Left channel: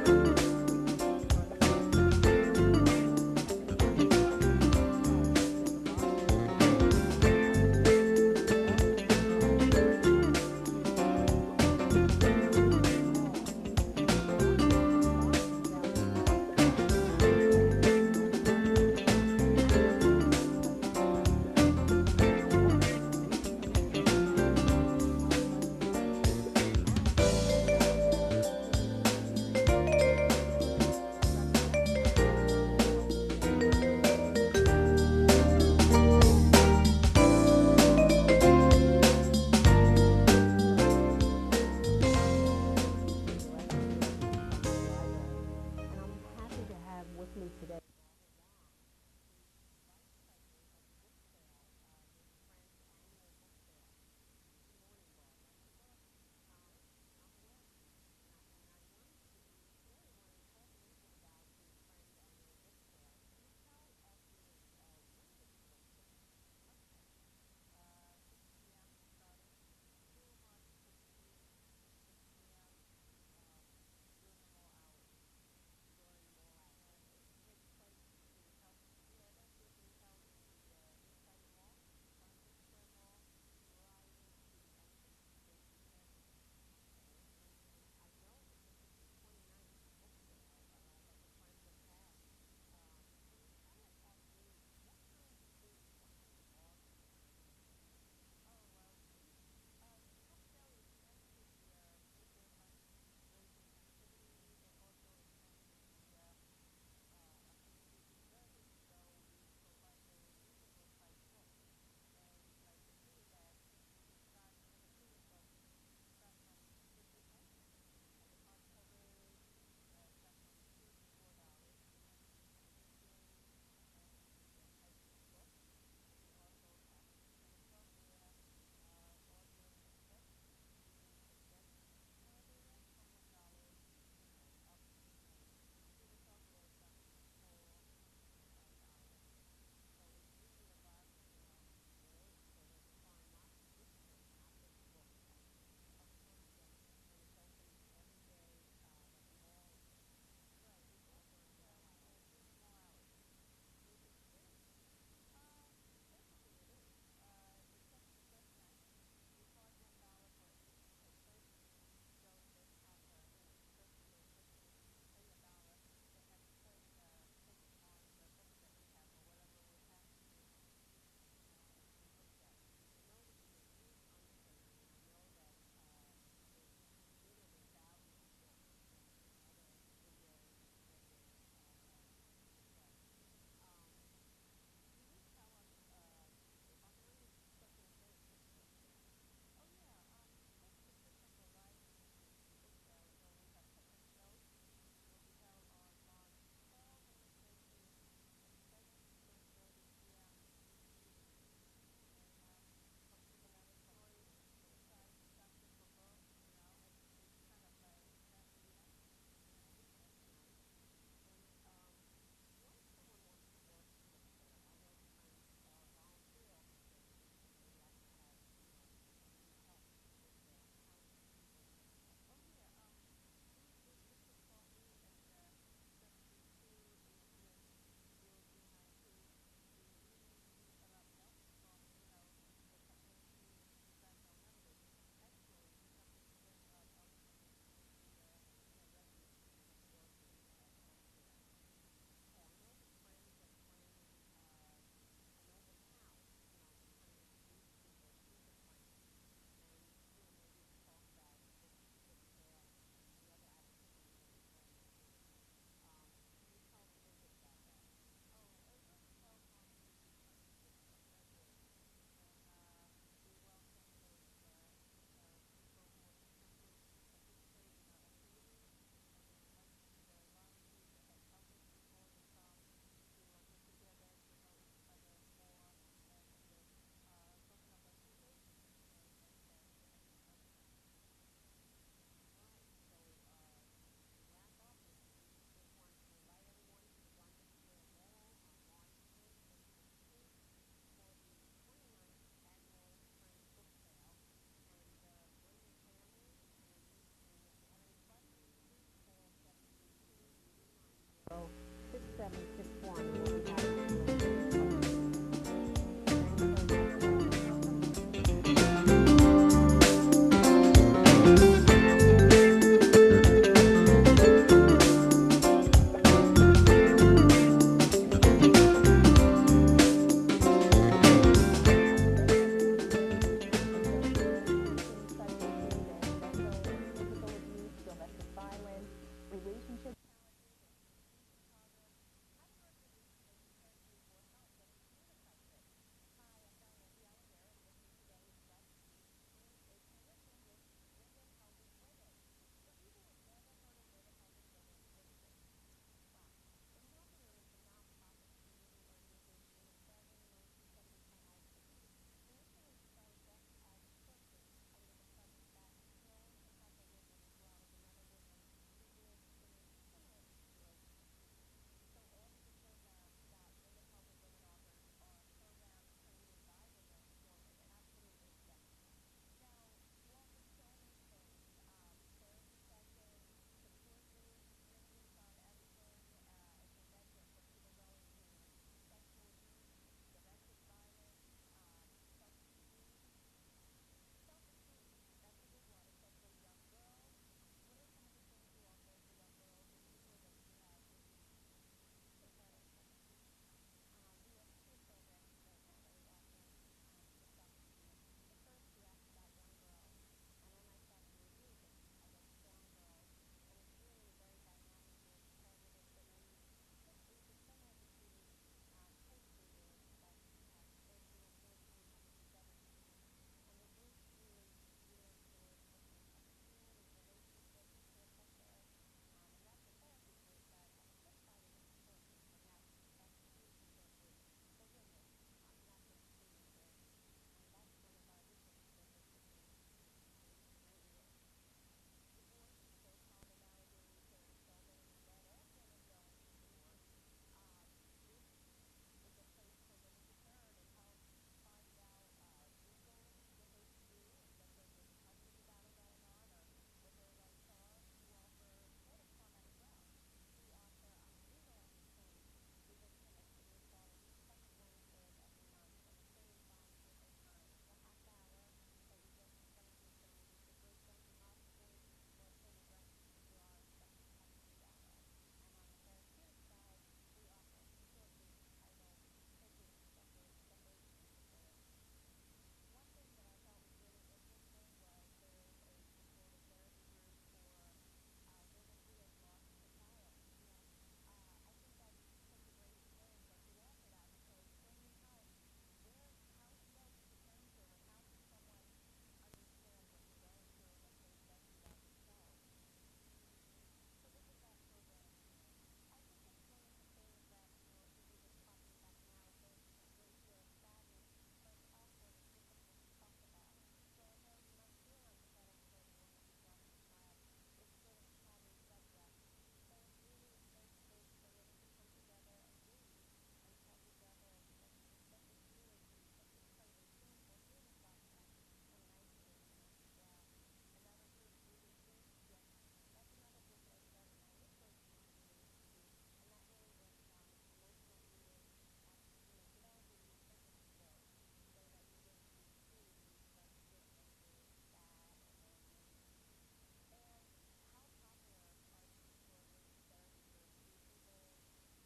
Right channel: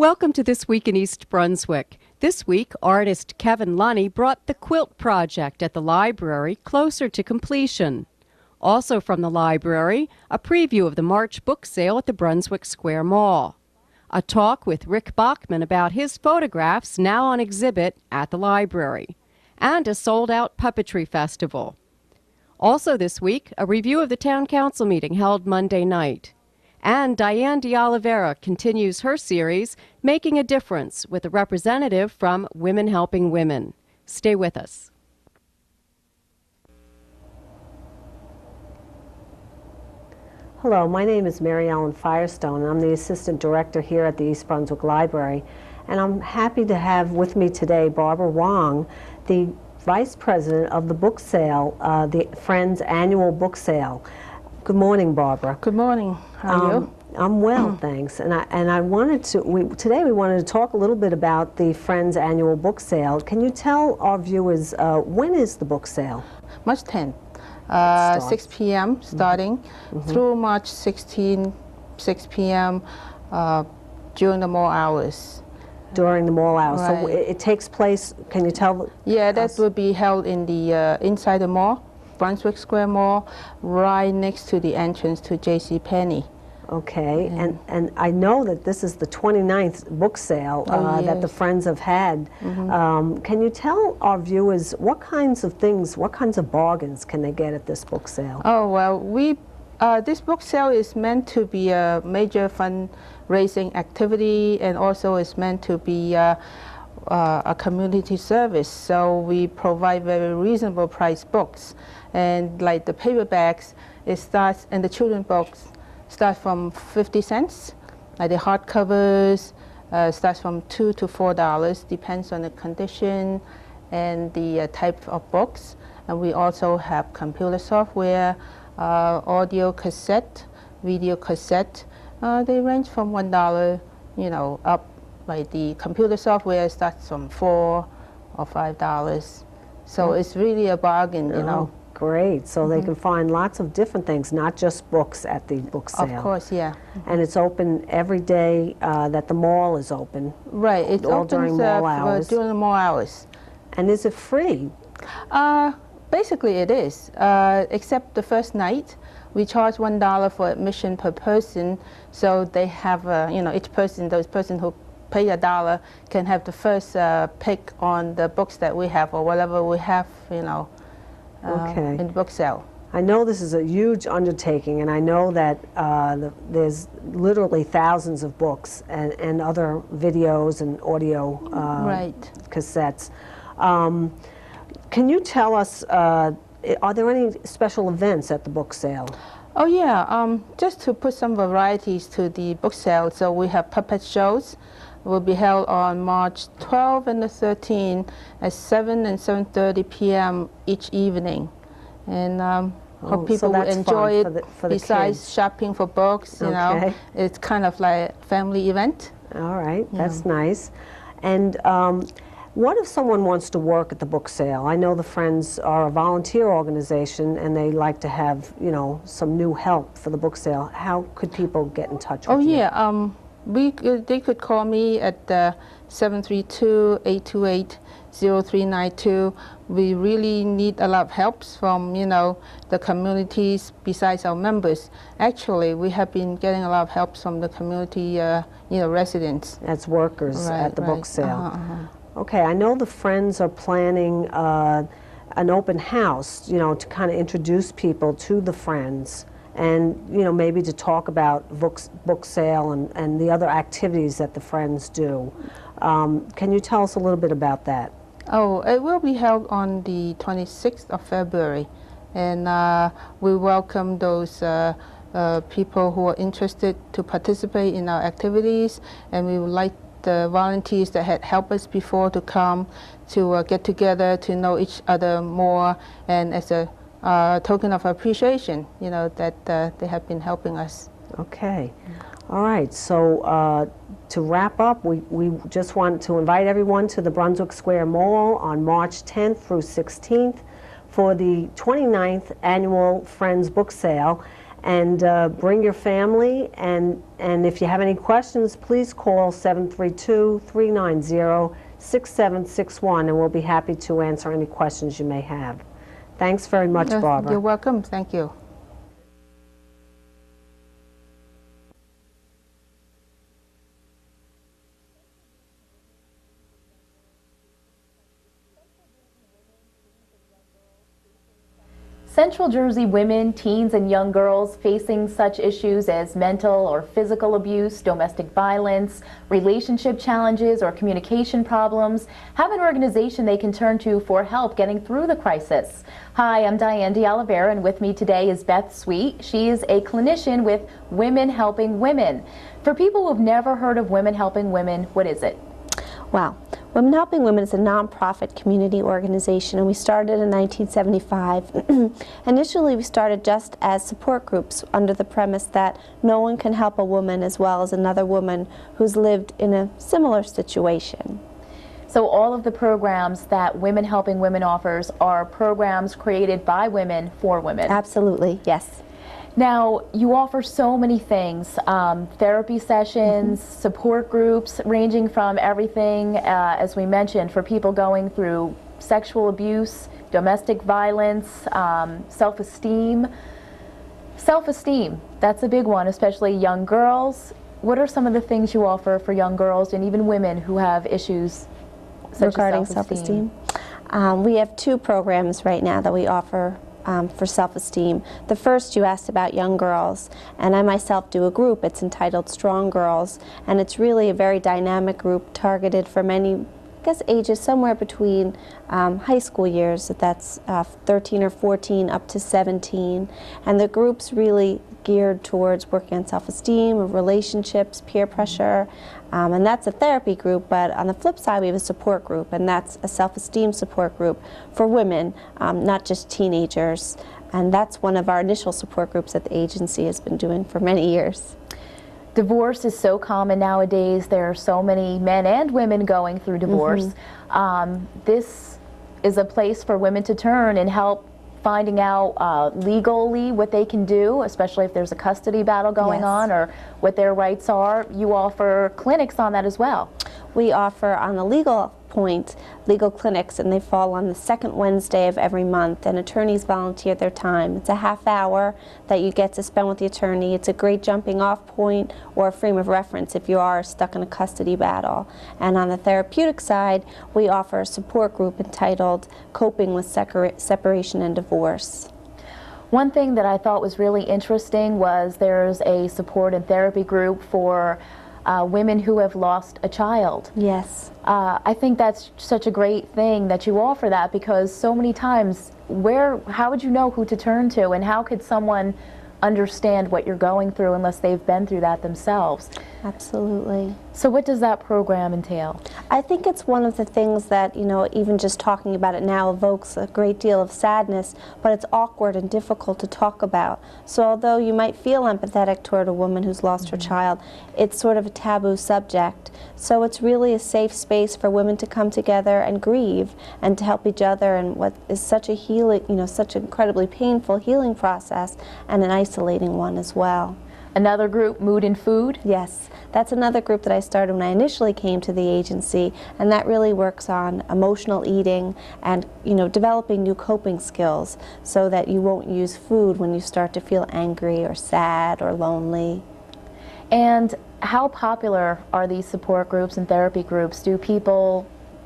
Welcome to This Week in East Brunswick. This week, artist Kevin Lunny brought the Quilt Project at the library closer to completion. Also from the library, a preview of the March book sale at the Brunswick Square Mall. A talk with Rick Bachman about his photographs now on exhibit at the library. And a sold-out puppetry festival. Also this week, a review of the Town Council meeting held Monday night. And Diane DeOliveira continues her series, Making a Difference, with a representative from Women Helping Women. Stay with us. Hello, my name is Mary Ellen Firestone. I'm the Assistant Director here at the East Brunswick Library. And I'm happy to have with me today Barbara Wong, the Vice President of the book sale, the Friends Annual Book Sale. Good morning, Barbara. Good morning. How are you? I'm well, thanks. And I wanted to, today we wanted to talk a little bit about the Friends Annual Book Sale. Can you tell our viewers, when is the book sale? March 10th, 6 p.m. starting through March 16, 6 p.m. During the mall hours. During the mall hours. Right. So it takes place, can you tell? Yeah, that will be held in the inside the mall, Brunswick Square Mall, right next to the entrance to JCPenney. Okay, and I know that this is the 29th book sale that the Friends have had. Can you tell our viewers what kinds of things, what kinds of bargains can they get at this book sale? Oh, well, this book sale is meant to be a major fundraising activity, and also is meant to be a community service. So we provide very reasonable price books. And like the paperbacks, it starts, and the children's books start from 50 cents. Like the hardcovers starts from $2 to $4, depends on the condition and the type of books. And we also have computer software, audio cassette, video cassette. They range from $1, up. Like the computer software starts from $4 or $5. So it's really a bargain, you know. Great. So they can find lots of different things, not just books at the book sale. Of course, yeah. And it's open every day that the mall is open. Right. It's all open during mall hours. During the mall hours. And is it free? Basically, it is, except the first night. We charge $1 for admission per person, so they have, each person, those person who pay $1 can have the first pick on the books that we have or whatever we have, in the book sale. I know this is a huge undertaking, and I know that there's literally thousands of books and other videos and audio cassettes. Can you tell us, are there any special events at the book sale? Oh yeah, just to put some varieties to the book sale, so we have puppet shows. Will be held on March 12 and the 13th at 7 and 7:30 p.m. each evening. And hope people will enjoy it besides shopping for books, you know. It's kind of like a family event. All right, that's nice. And what if someone wants to work at the book sale? I know the Friends are a volunteer organization and they like to have, some new help for the book sale. How could people get in touch with you? Oh yeah, they could call me at 732-828-0392. We really need a lot of help from, the communities besides our members. Actually, we have been getting a lot of help from the community, residents. As workers at the book sale. Okay, I know the Friends are planning an open house, to kind of introduce people to the Friends. And maybe to talk about book sale and the other activities that the Friends do. Can you tell us a little bit about that? Oh, it will be held on the 26th of February, and we welcome those people who are interested to participate in our activities, and we would like the volunteers that had helped us before to come to get together to know each other more, and as a token of appreciation, that they have been helping us. Okay. All right. So to wrap up, we just want to invite everyone to the Brunswick Square Mall on March 10th through 16th for the 29th Annual Friends Book Sale. And bring your family, and if you have any questions, please call 732-390-6761, and we'll be happy to answer any questions you may have. Thanks very much, Barbara. You're welcome. Thank you. Central Jersey women, teens, and young girls facing such issues as mental or physical abuse, domestic violence, relationship challenges, or communication problems have an organization they can turn to for help getting through the crisis. Hi, I'm Diane DeOliveira, and with me today is Beth Sweet. She is a clinician with Women Helping Women. For people who've never heard of Women Helping Women, what is it? Wow. Women Helping Women is a nonprofit community organization, and we started in 1975. Initially, we started just as support groups under the premise that no one can help a woman as well as another woman who's lived in a similar situation. So all of the programs that Women Helping Women offers are programs created by women for women? Absolutely, yes. Now, you offer so many things, therapy sessions, support groups, ranging from everything, as we mentioned, for people going through sexual abuse, domestic violence, self-esteem. Self-esteem, that's a big one, especially young girls. What are some of the things you offer for young girls and even women who have issues such regarding as self-esteem? We have two programs right now that we offer for self-esteem. The first, you asked about young girls, and I myself do a group. It's entitled Strong Girls, and it's really a very dynamic group targeted for many, I guess, ages somewhere between high school years, that's 13 or 14 up to 17, and the group's really geared towards working on self-esteem, relationships, peer pressure, and that's a therapy group. But on the flip side, we have a support group, and that's a self-esteem support group for women, not just teenagers, and that's one of our initial support groups that the agency has been doing for many years. Divorce is so common nowadays. There are so many men and women going through divorce. This is a place for women to turn and help finding out legally what they can do, especially if there's a custody battle going on, or what their rights are. You offer clinics on that as well. We offer, on the legal point, legal clinics, and they fall on the second Wednesday of every month, and attorneys volunteer their time. It's a half hour that you get to spend with the attorney. It's a great jumping off point or a frame of reference if you are stuck in a custody battle. And on the therapeutic side, we offer a support group entitled Coping with Separation and Divorce. One thing that I thought was really interesting was there's a support and therapy group for women who have lost a child. Yes. I think that's such a great thing that you offer that, because so many times, how would you know who to turn to, and how could someone understand what you're going through unless they've been through that themselves? Absolutely. So what does that program entail? I think it's one of the things that, you know, even just talking about it now evokes a great deal of sadness, but it's awkward and difficult to talk about. So although you might feel empathetic toward a woman who's lost her child, it's sort of a taboo subject. So it's really a safe space for women to come together and grieve and to help each other in what is such a healing, you know, such an incredibly painful healing process, and an isolating one as well. Another group, Mood and Food? Yes, that's another group that I started when I initially came to the agency, and that really works on emotional eating and, you know, developing new coping skills so that you won't use food when you start to feel angry or sad or lonely. And how popular are these support groups and therapy groups? Do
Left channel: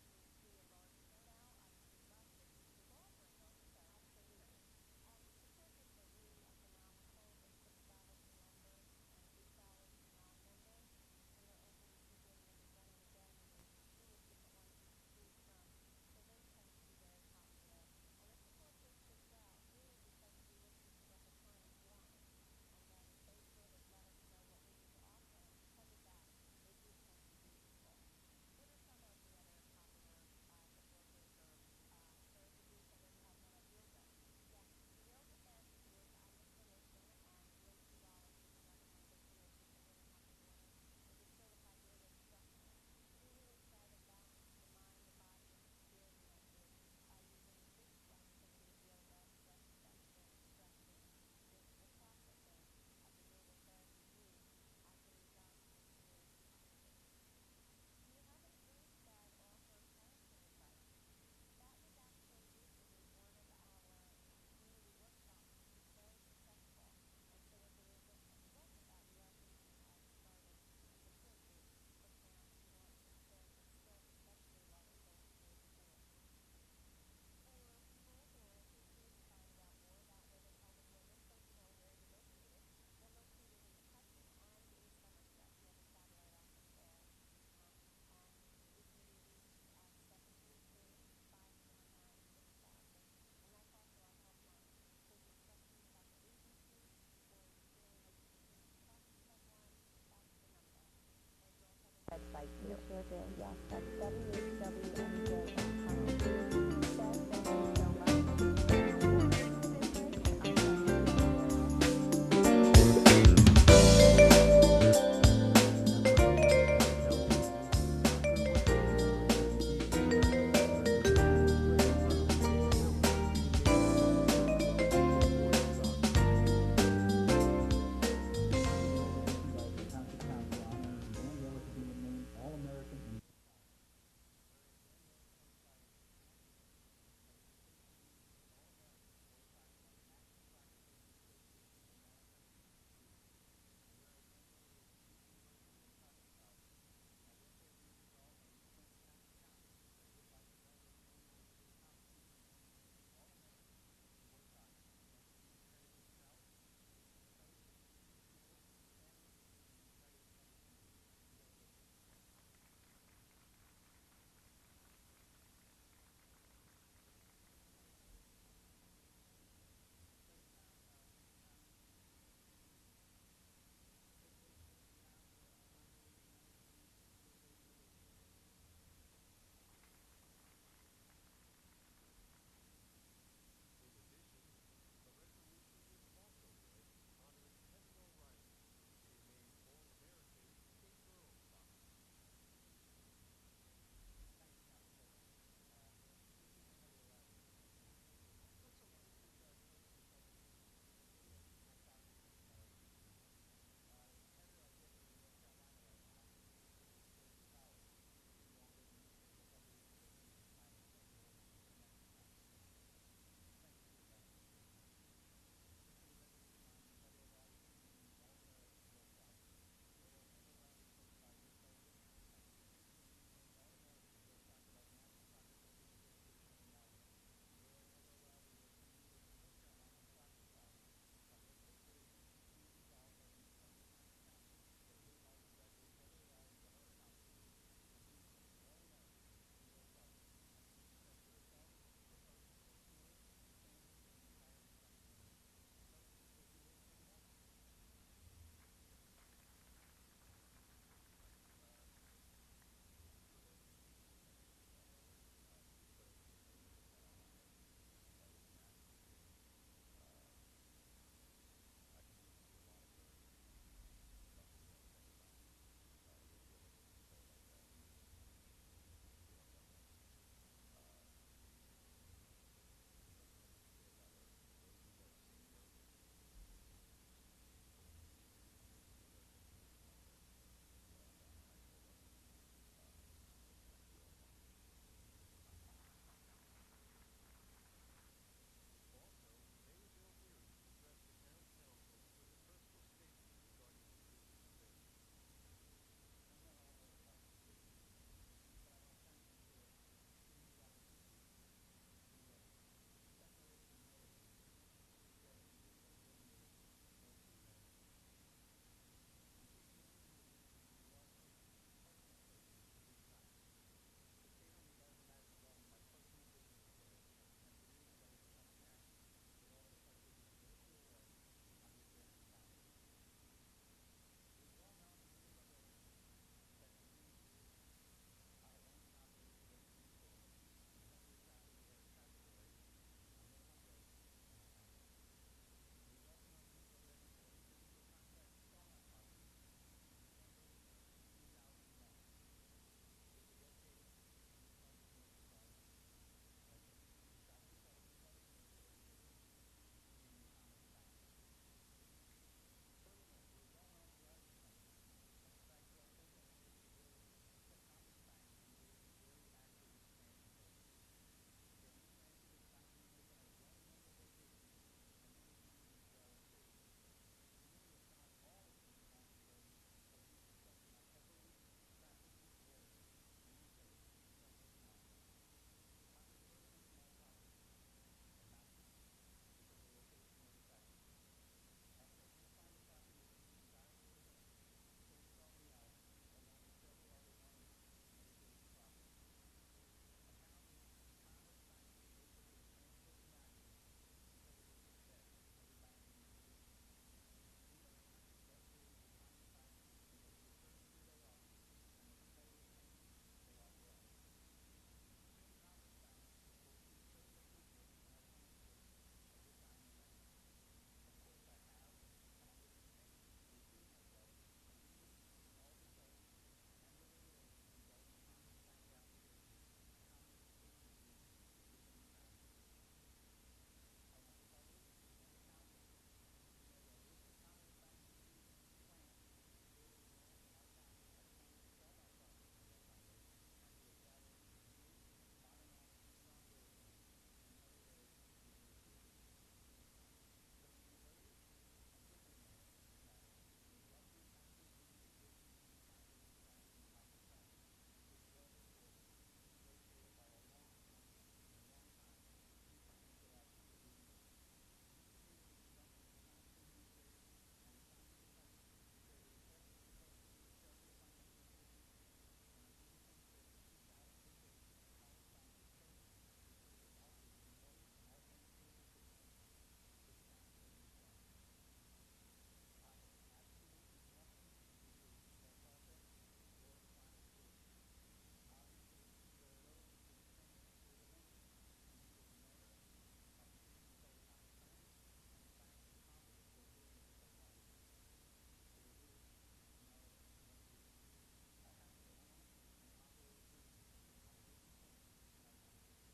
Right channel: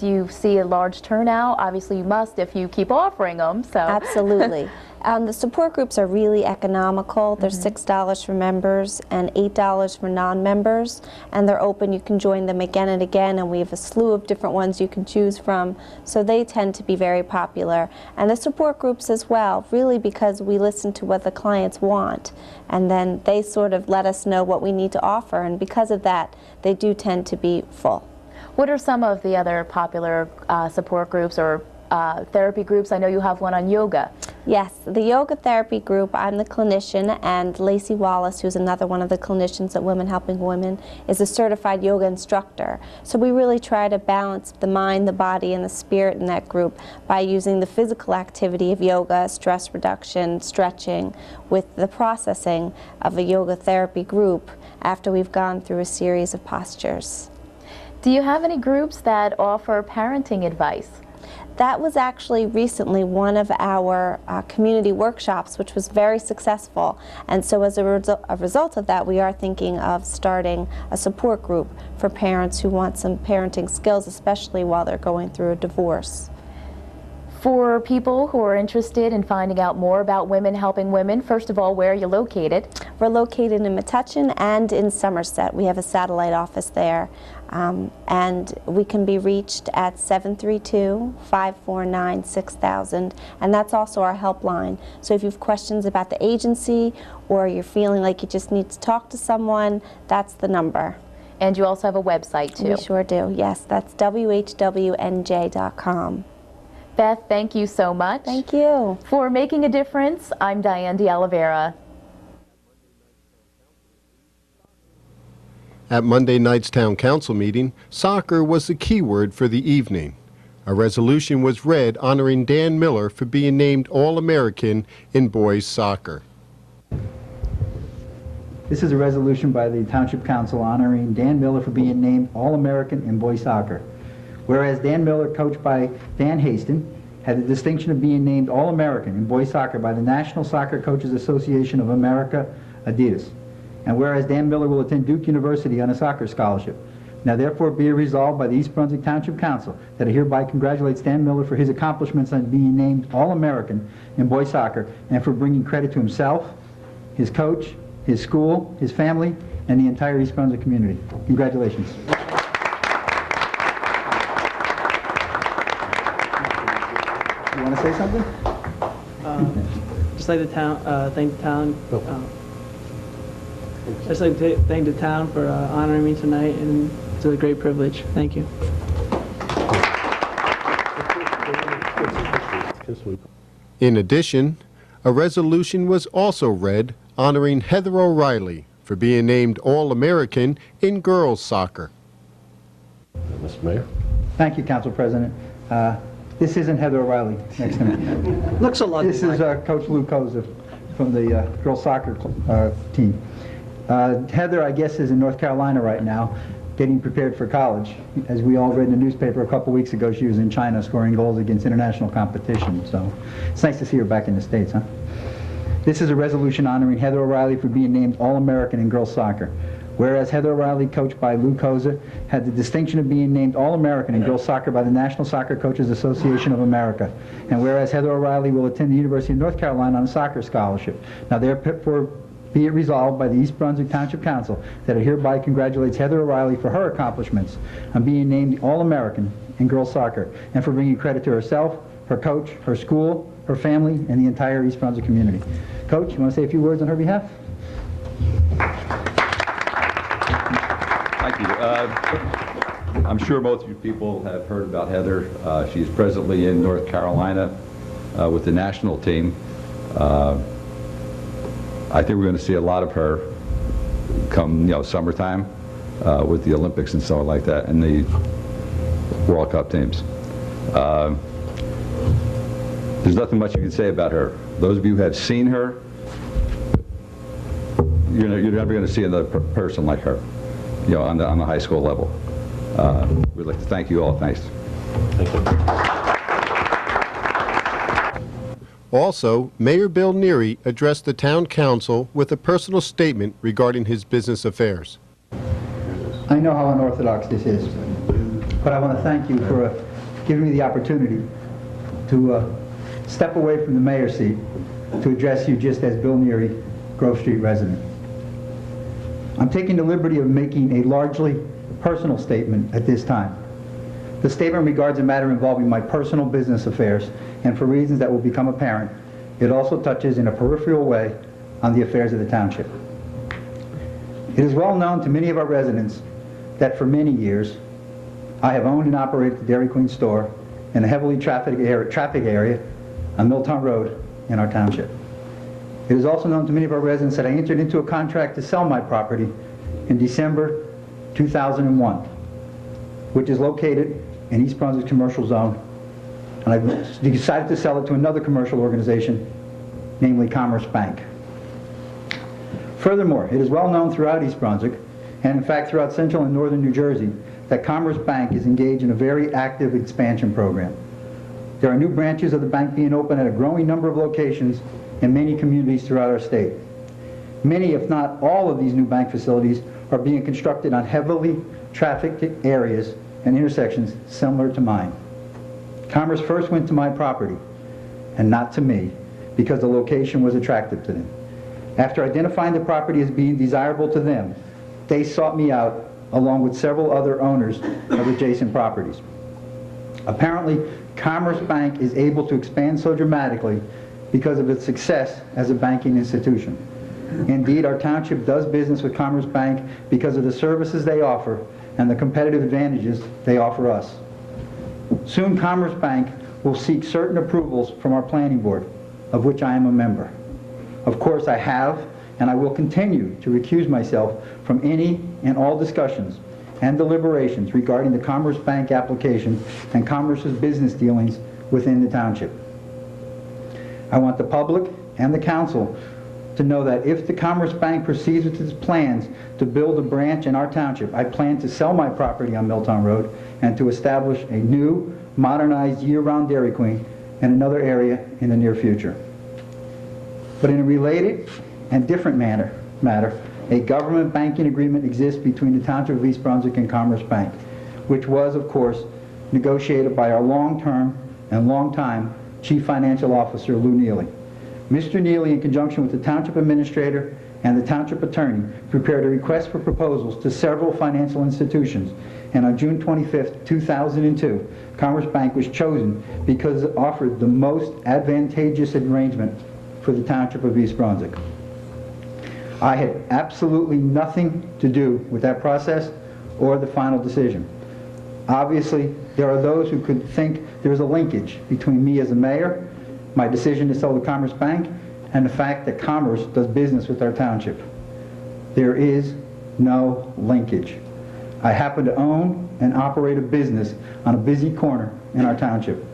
you see a large turnout? Obviously you must if you keep offering them. So. Absolutely. The support groups are really economical. They're $6 for members and $8 for non-members, and they're open. You can join them again and again, and we have a slew of different ones you can choose from, so they tend to be very popular. And the support groups as well, really, because we listen to what the clients want, and then they sort of let us know what we need to offer, and because of that, they do tend to be full. What are some of the other popular support groups or therapy groups. I know you have one on yoga. Yes, the yoga therapy group, I'm the clinician, and Lacey Wallace, who's another one of the clinicians at Women Helping Women, is a certified yoga instructor. So we really try to balance the mind, the body, and the spirit in that group by using the physical activity of yoga, stress reduction, stretching, with the processing of a yoga therapy group after we've gone through a series of postures. Do you have any groups that offer parenting advice? That was actually recently one of our community workshops, which was very successful. And so as a result of that, we are thinking of starting a support group for parents who want some parenting skills, especially while they're going through a divorce. For people who are interested in finding out more about Women Helping Women, first of all, where are you located? We're located in Metuchen and in Somerset. We have a satellite office there. And we can be reached at 732-549-6000, and that's also our helpline. So if you have questions about the agency or you're feeling like you just need to talk to someone, that's the number. And you also have a website too. We sure do, yes. That's whwnj.com. Beth, thank you so much. Thank you. For Making a Difference, I'm Diane de Oliveira. At Monday night's Town Council meeting, soccer was the key word for the evening. A resolution was read honoring Dan Miller for being named All-American in boys soccer. This is a resolution by the Township Council honoring Dan Miller for being named All-American in boys soccer. Whereas Dan Miller, coached by Dan Haston, had the distinction of being named All-American in boys soccer by the National Soccer Coaches Association of America, Adidas. And whereas Dan Miller will attend Duke University on a soccer scholarship. Now therefore be it resolved by the East Brunswick Township Council that it hereby congratulates Dan Miller for his accomplishments on being named All-American in boys soccer and for bringing credit to himself, his coach, his school, his family, and the entire East Brunswick community. Congratulations. You want to say something? Just like the town, thank the town. Just like to thank the town for honoring me tonight, and it's a great privilege. Thank you. In addition, a resolution was also read honoring Heather O'Reilly for being named All-American in girls soccer. Mr. Mayor. Thank you, Council President. This isn't Heather O'Reilly next to me. Looks a lot This is Coach Lou Koza from the girls soccer team. Heather, I guess, is in North Carolina right now, getting prepared for college. As we all read in the newspaper a couple weeks ago, she was in China scoring goals against international competition. So it's nice to see her back in the States, huh? This is a resolution honoring Heather O'Reilly for being named All-American in girls soccer. Whereas Heather O'Reilly, coached by Lou Koza, had the distinction of being named All-American in girls soccer by the National Soccer Coaches Association of America. And whereas Heather O'Reilly will attend the University of North Carolina on a soccer scholarship. Now therefore be it resolved by the East Brunswick Township Council that it hereby congratulates Heather O'Reilly for her accomplishments on being named All-American in girls soccer and for bringing credit to herself, her coach, her school, her family, and the entire East Brunswick community. Coach, you want to say a few words on her behalf? Thank you. I'm sure most of you people have heard about Heather. She is presently in North Carolina with the national team. I think we're going to see a lot of her come, summertime with the Olympics and so on like that, and the World Cup teams. There's nothing much you can say about her. Those of you who have seen her, you're never going to see another person like her, on the high school level. We'd like to thank you all. Thanks. Thank you. Also, Mayor Bill Neary addressed the town council with a personal statement regarding his business affairs. I know how unorthodox this is, but I want to thank you for giving me the opportunity to step away from the mayor's seat to address you just as Bill Neary, Grove Street resident. I'm taking the liberty of making a largely personal statement at this time. The statement regards a matter involving my personal business affairs, and for reasons that will become apparent, it also touches in a peripheral way on the affairs of the township. It is well known to many of our residents that for many years I have owned and operated the Dairy Queen store in a heavily traffic area on Milltown Road in our township. It is also known to many of our residents that I entered into a contract to sell my property in December 2001, which is located in East Brunswick Commercial Zone, and I've decided to sell it to another commercial organization, namely Commerce Bank. Furthermore, it is well known throughout East Brunswick, and in fact throughout central and northern New Jersey, that Commerce Bank is engaged in a very active expansion program. There are new branches of the bank being opened at a growing number of locations in many communities throughout our state. Many, if not all, of these new bank facilities are being constructed on heavily trafficked areas and intersections similar to mine. Commerce first went to my property, and not to me, because the location was attractive to them. After identifying the property as being desirable to them, they sought me out along with several other owners of adjacent properties. Apparently, Commerce Bank is able to expand so dramatically because of its success as a banking institution. Indeed, our township does business with Commerce Bank because of the services they offer and the competitive advantages they offer us. Soon, Commerce Bank will seek certain approvals from our planning board, of which I am a member. Of course, I have and I will continue to recuse myself from any and all discussions and deliberations regarding the Commerce Bank application and Commerce's business dealings within the township. I want the public and the council to know that if the Commerce Bank proceeds with its plans to build a branch in our township, I plan to sell my property on Milltown Road and to establish a new, modernized year-round Dairy Queen in another area in the near future. But in a related and different matter, a government banking agreement exists between the Township of East Brunswick and Commerce Bank, which was, of course, negotiated by our long-term and long-time Chief Financial Officer, Lou Neely. Mr. Neely, in conjunction with the Township Administrator and the Township Attorney, prepared a request for proposals to several financial institutions, and on June 25th, 2002, Commerce Bank was chosen because it offered the most advantageous arrangement for the Township of East Brunswick. I had absolutely nothing to do with that process or the final decision. Obviously, there are those who could think there's a linkage between me as a mayor, my decision to sell the Commerce Bank, and the fact that Commerce does business with our township. There is no linkage. I happen to own and operate a business on a busy corner in our township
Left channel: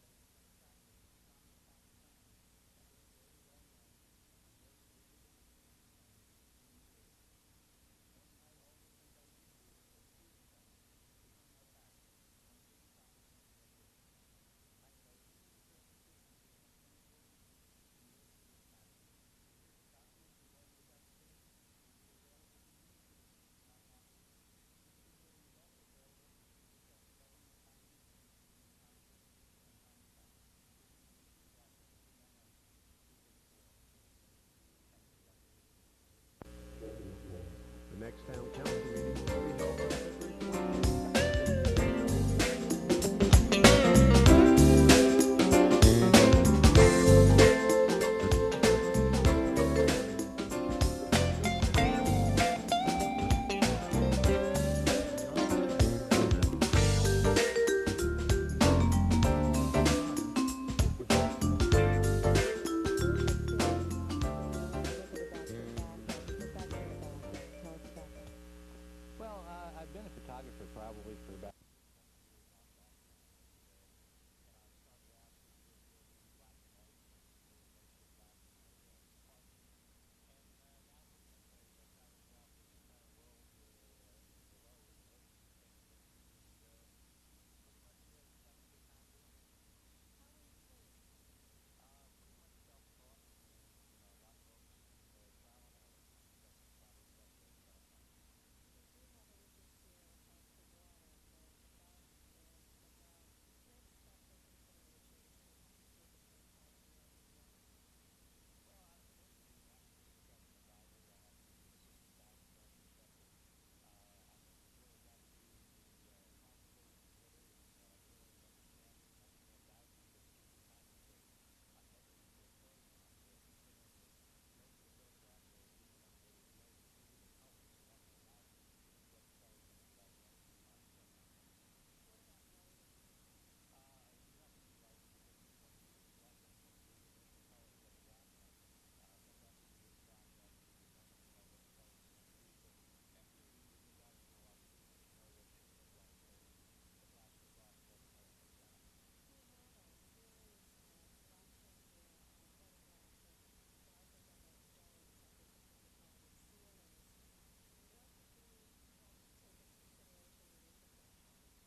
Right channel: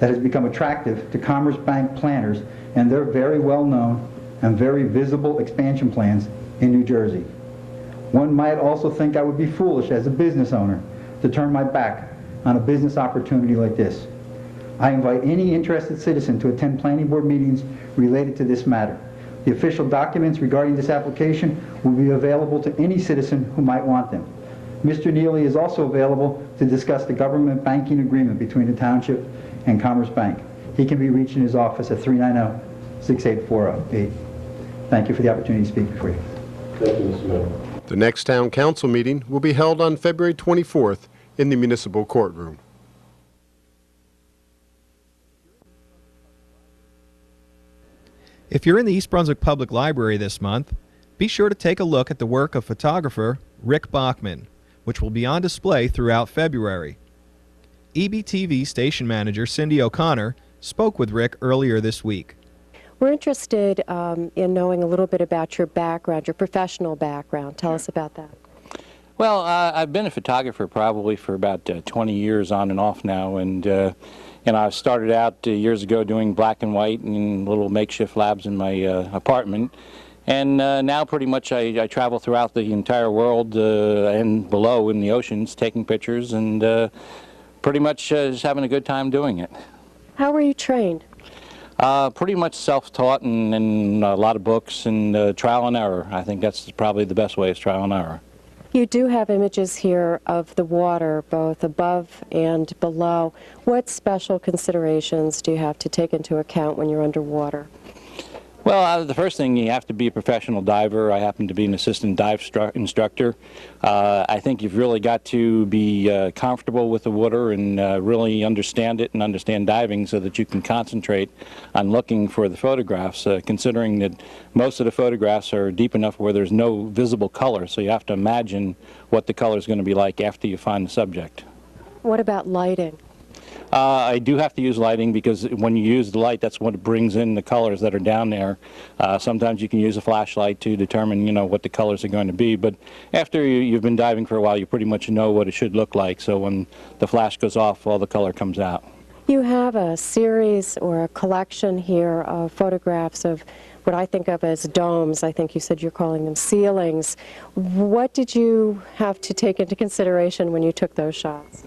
that has become attractive to Commerce Bank planners and their very well-known and very visible expansion plans in New Jersey. One might also think I would be foolish as a business owner to turn my back on a business opportunity like this. I invite any interested citizen to attend planning board meetings related to this matter. The official documents regarding this application will be available to any citizen who might want them. Mr. Neely is also available to discuss the government banking agreement between the township and Commerce Bank. He can be reached in his office at 390-6848. Thank you for the opportunity to speak before you. Thank you, Mr. Mayor. The next town council meeting will be held on February 24th in the municipal courtroom. If you're in the East Brunswick Public Library this month, be sure to take a look at the work of photographer Rick Bachman, which will be on display throughout February. EBTV station manager Cindy O'Connor spoke with Rick earlier this week. We're interested in knowing a little bit about your background, your professional background. Tell us about that. Well, I've been a photographer probably for about 20 years on and off now, and I started out years ago doing black and white and little makeshift labs in my apartment, and now pretty much I travel throughout the entire world and below in the oceans taking pictures, and pretty much just having a good time doing it. How were you trained? Pretty much self-taught and a lot of books and trial and error. I think that's probably the best way is trial and error. You do have images here of the water, both above and below. What special considerations do you have to take into account when you're underwater? Well, the first thing, you have to be a professional diver. I happen to be an assistant dive instructor. I think you've really got to be comfortable with the water and really understand it and understand diving so that you can concentrate on looking for the photographs, considering that most of the photographs are deep enough where there's no visible color, so you have to imagine what the color is going to be like after you find the subject. What about lighting? I do have to use lighting because when you use the light, that's what brings in the colors that are down there. Sometimes you can use a flashlight to determine, you know, what the colors are going to be. But after you've been diving for a while, you pretty much know what it should look like. So when the flash goes off, all the color comes out. You have a series or a collection here of photographs of what I think of as domes. I think you said you're calling them ceilings. What did you have to take into consideration when you took those shots?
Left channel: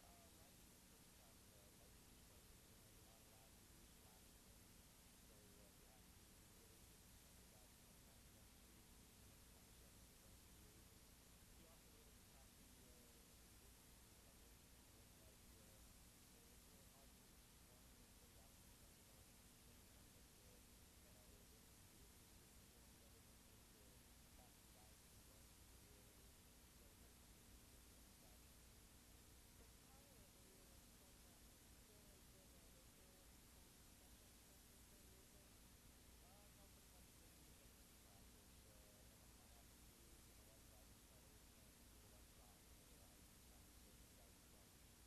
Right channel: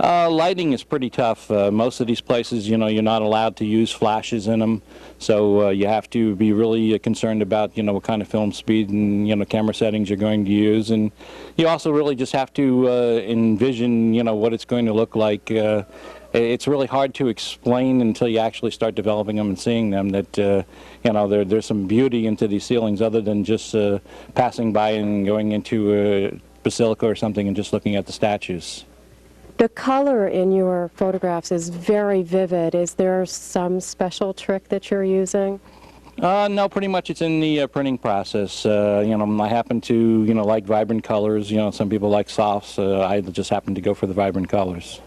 Lighting is pretty tough. Most of these places, you know, you're not allowed to use flashes in them, so you have to be really concerned about, you know, what kind of film speed and, you know, camera settings you're going to use, and you also really just have to envision, you know, what it's going to look like. It's really hard to explain until you actually start developing them and seeing them that, you know, there's some beauty into these ceilings other than just passing by and going into a basilica or something and just looking at the statues. The color in your photographs is very vivid. Is there some special trick that you're using? No, pretty much it's in the printing process. You know, I happen to, you know, like vibrant colors. You know, some people like softs. I just happen to go for the vibrant colors.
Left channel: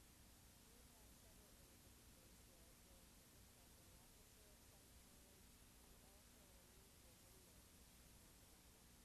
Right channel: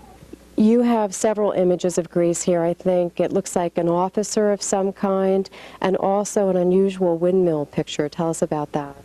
You have several images of Greece here. I think it looks like an officer of some kind and also an unusual windmill picture. Tell us about that.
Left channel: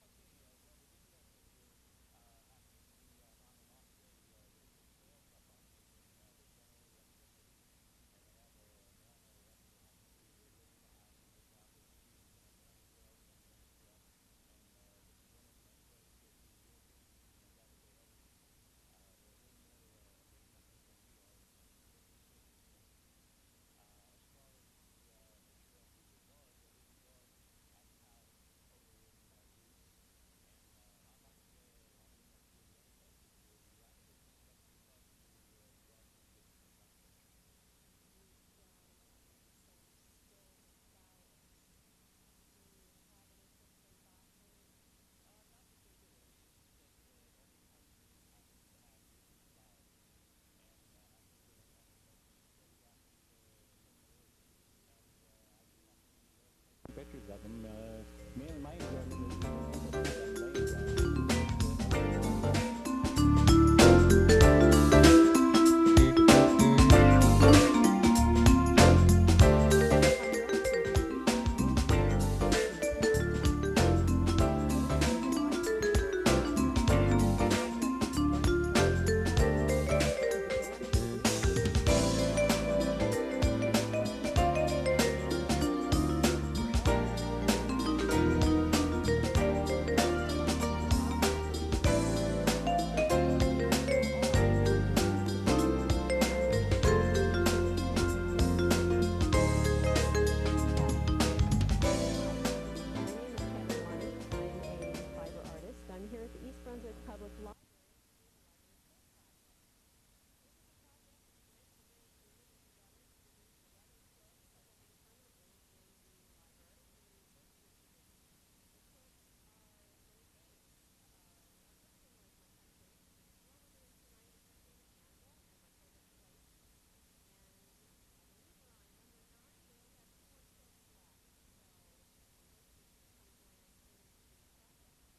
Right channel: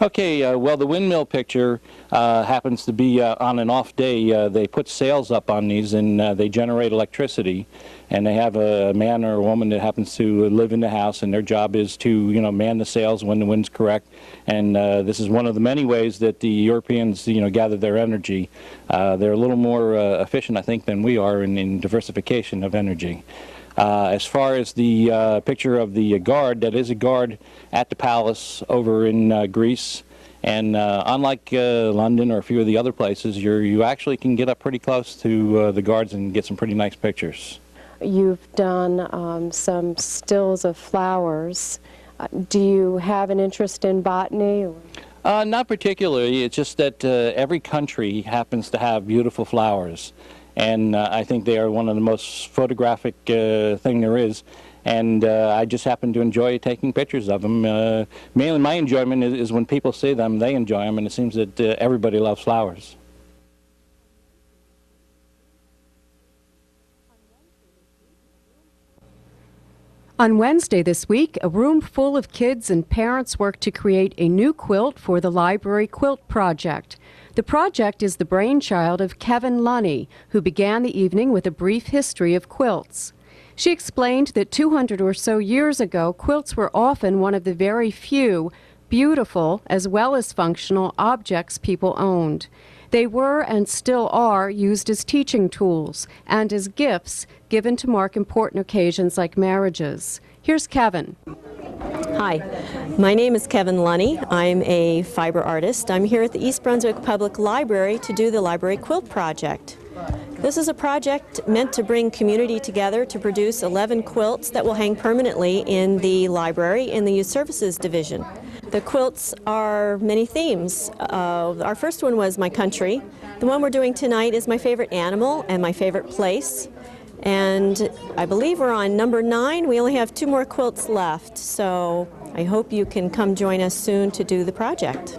Okay, well, the windmill picture happens to be on an off day. They put sails up on these and they generate electricity. And they have a man or a woman that happens to live in the house, and their job is to, you know, man the sails when the wind's correct. And this is one of the many ways that the Europeans, you know, gather their energy. They're a little more efficient, I think, than we are in diversification of energy. As far as the picture of the guard, that is a guard at the palace over in Greece. And unlike London or a few of the other places, you actually can get up pretty close to the guards and get some pretty nice pictures. You've done some stills of flowers. Do you have an interest in botany? Not particularly. It's just that every country happens to have beautiful flowers. And I think they are one of the most photographic thing there is. And I just happen to enjoy taking pictures of them. Mainly my enjoyment is when people see them, they enjoy them, and it seems that everybody loves flowers. On Wednesday this week, a room full of kids and parents worked to create a new quilt for the library Quilt Project. The project is the brainchild of Kevin Lunny, who began the evening with a brief history of quilts. She explained that 200 or so years ago, quilts were often one of the very few beautiful as well as functional objects people owned. They were and still are used as teaching tools and as gifts given to mark important occasions like marriages. Here's Kevin. Hi, my name is Kevin Lunny. I'm a fiber artist. I'm here at the East Brunswick Public Library to do the Library Quilt Project. This is a project meant to bring community together to produce 11 quilts that will hang permanently in the library in the Youth Services Division. The quilts are many themes. Our first one was my country. The one we're doing tonight is my favorite animal and my favorite place. And I believe we're on number 9. We only have 2 more quilts left, so I hope you can come join us soon to do the project.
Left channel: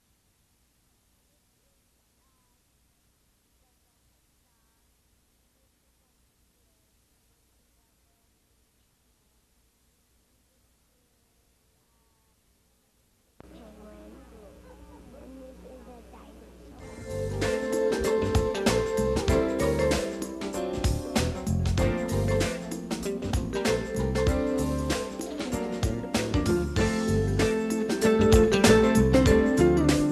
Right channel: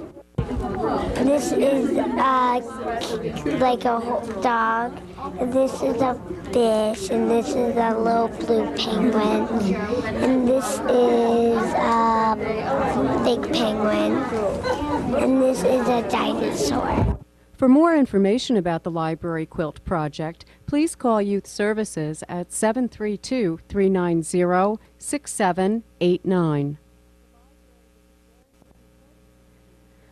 This is like a dog. This is a fish, and this is a little blue penguin, and this is a big penguin, and this is a dinosaur. For more information about the Library Quilt Project, please call Youth Services at 732-390-6789.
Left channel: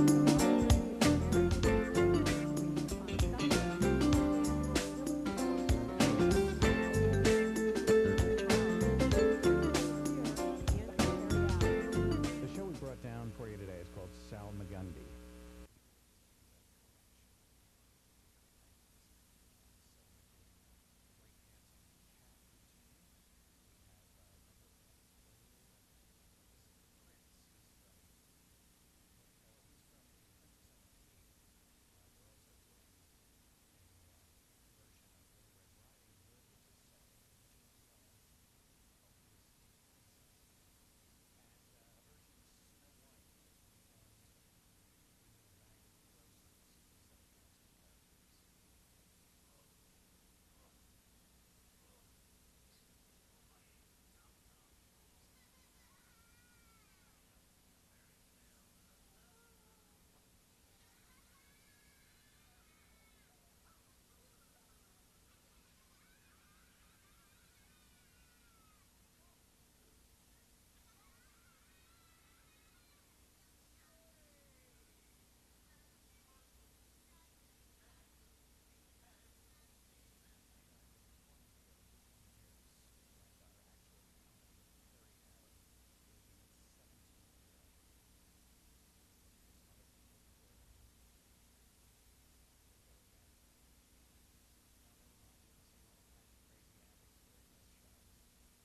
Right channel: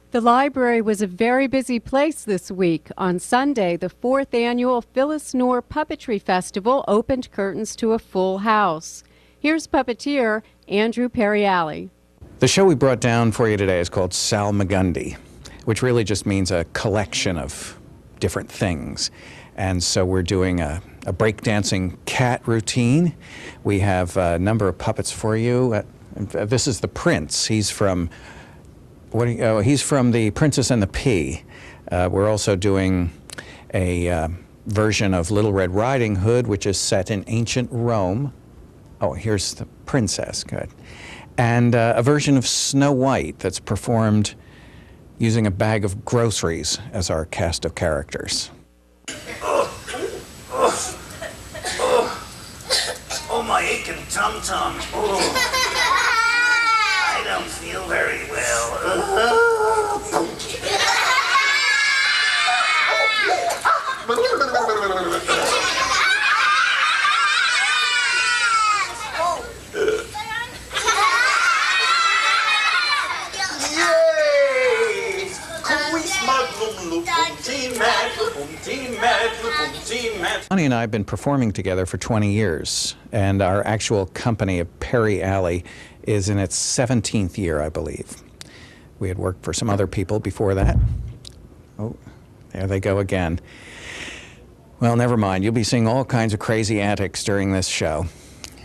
The library was a very busy place this week. On Sunday, the 4th annual Phyllis Knorr Puppetry Festival opened curtains to a full house. Here's puppeteer Andrew Perriali. The show we brought down for you today is called Salmagundi, which really just means a collection of different things. And so we're doing a breakdancing cat routine. We have a number of puppets for you. This is the prince. He's from he's from The Princess and the Pea. We're also doing a version of Little Red Riding Hood, which is set in ancient Rome. Oh, here's the princess, good. And a version of Snow White that's performed using a bag of groceries as our cast of characters. tum-tum. Oh. I don't feel very well. Bonnie and I have been performing together for 20 years, and our actual company of Perry Alley is in its 17th year, I believe. We had worked for some other people before that. Oh, there they go again. Well, never mind. You'll be seeing all kinds of crazy antics during this show.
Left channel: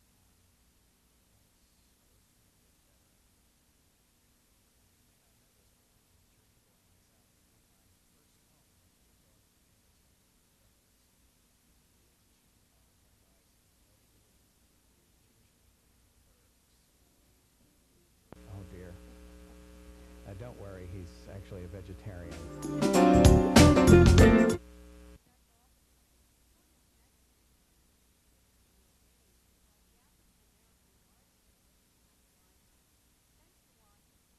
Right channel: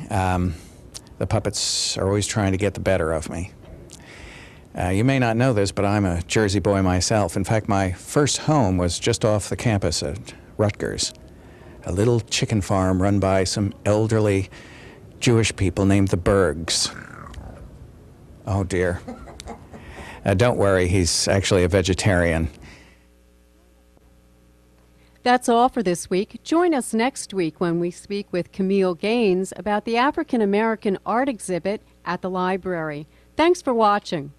The puppets are always trying to get the better of me. You may not know this, but I'm a Jersey boy myself. In fact, my first home was just off the campus at Rutgers, a little chicken farm run by some elderly Jewish people named the Bergs. Oh, dear. Don't worry, he's actually a vegetarian. That's all for this week. Join us next week when we speak with Camille Gaines about the African American art exhibit at the library. Thanks for watching.